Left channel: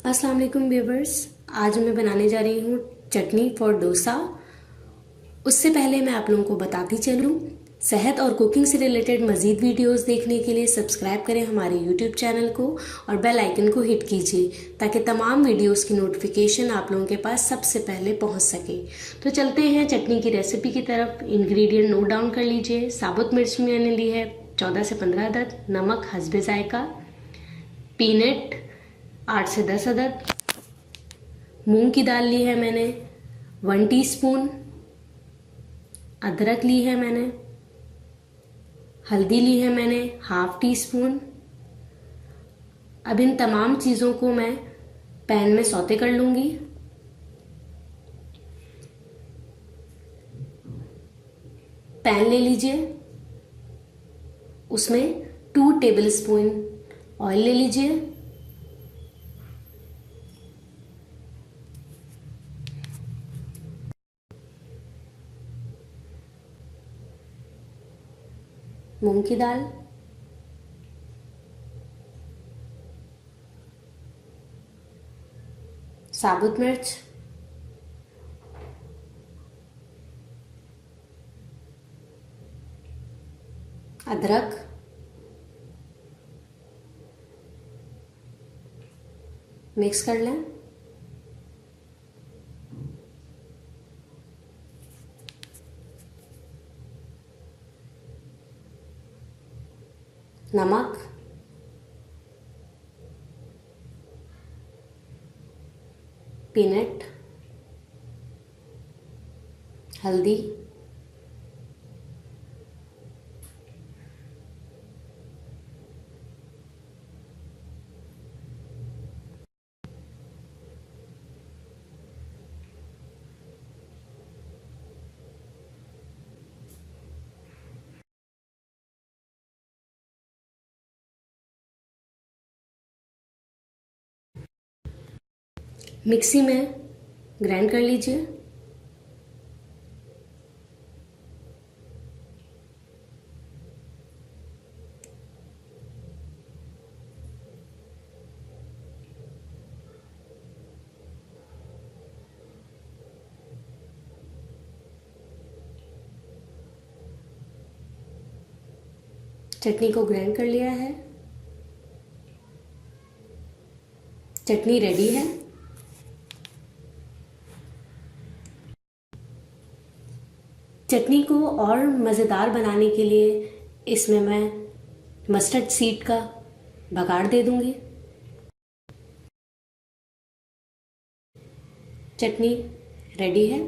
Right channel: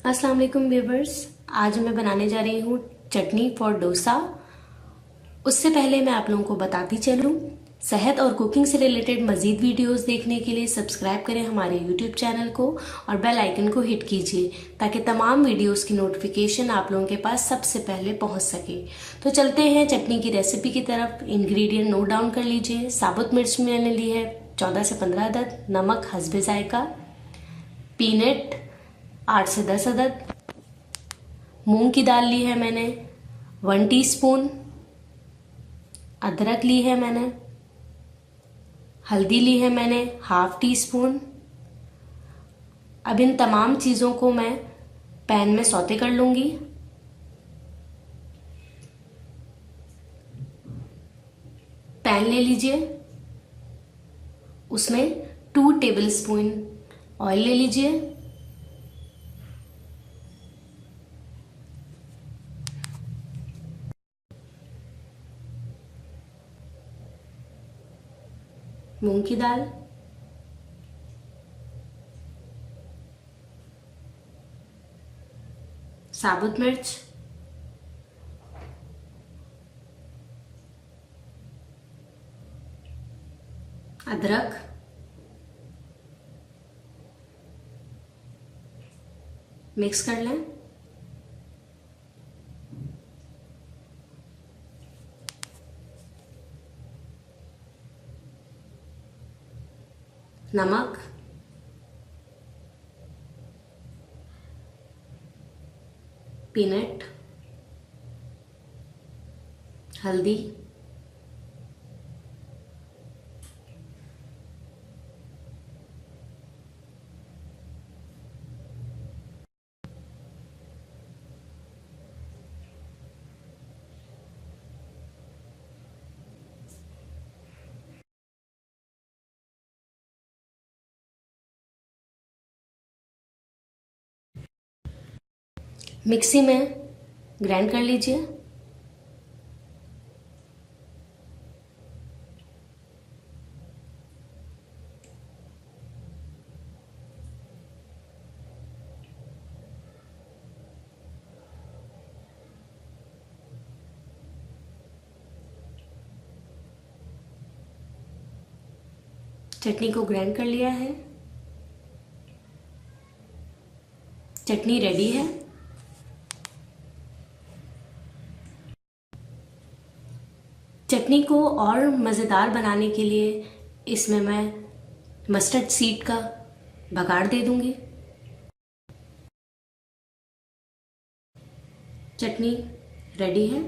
अस्सलाम वालेकुम व्यूवर्स। आज मैं बनाने जा रही हूँ चटनी फॉर डोसा। उससे पहले मैं आप लोगों को बताती चलूँ, सेहत और कुकिंग से रिलेटेड मज़ीद वीडियोस देखने के लिए सब्सक्राइब करें हमारे यूट्यूब चैनल को और बेल आइकन को हिट कीजिए ताकि तमाम वीडियोस की नोटिफिकेशन आप लोगों के पास सबसे पहले पहुंच सके। तो चलते हैं चटनी की रेसिपी की तरफ। इंग्रेडिएंट नोट डाउन कर लीजिए। साबुत मिर्च मैंने ली है 14 से 15 अदद, नमक हस्बे जायका, पीनट 8 से 10 अदद, मूंग की दाल ली है मैंने 1 टीस्पून, अदरक ली है मैंने, हल्दी ली है मैंने हाफ टी स्पून। अब इन तमाम चीज़ों को मैं पैन में सौते कर लूंगी। पैन ले लीजिए, उसमें 2 टेबलस्पून ऑयल ले लीजिए। मूंग की दाल, साबुत मिर्च, अदरक, मिक्स कर लें। नमक, पीनट, हल्दी, मिक्सी में ग्राइंड कर लीजिए। चटनी को ग्राइंड कर लिया है। चटनी रेडी है। चटनी को और मज़ेदार बनाने के लिए इसमें मैं मस्टर्ड सीड का बघाड़ दे दूंगी। चटनी रेडी है।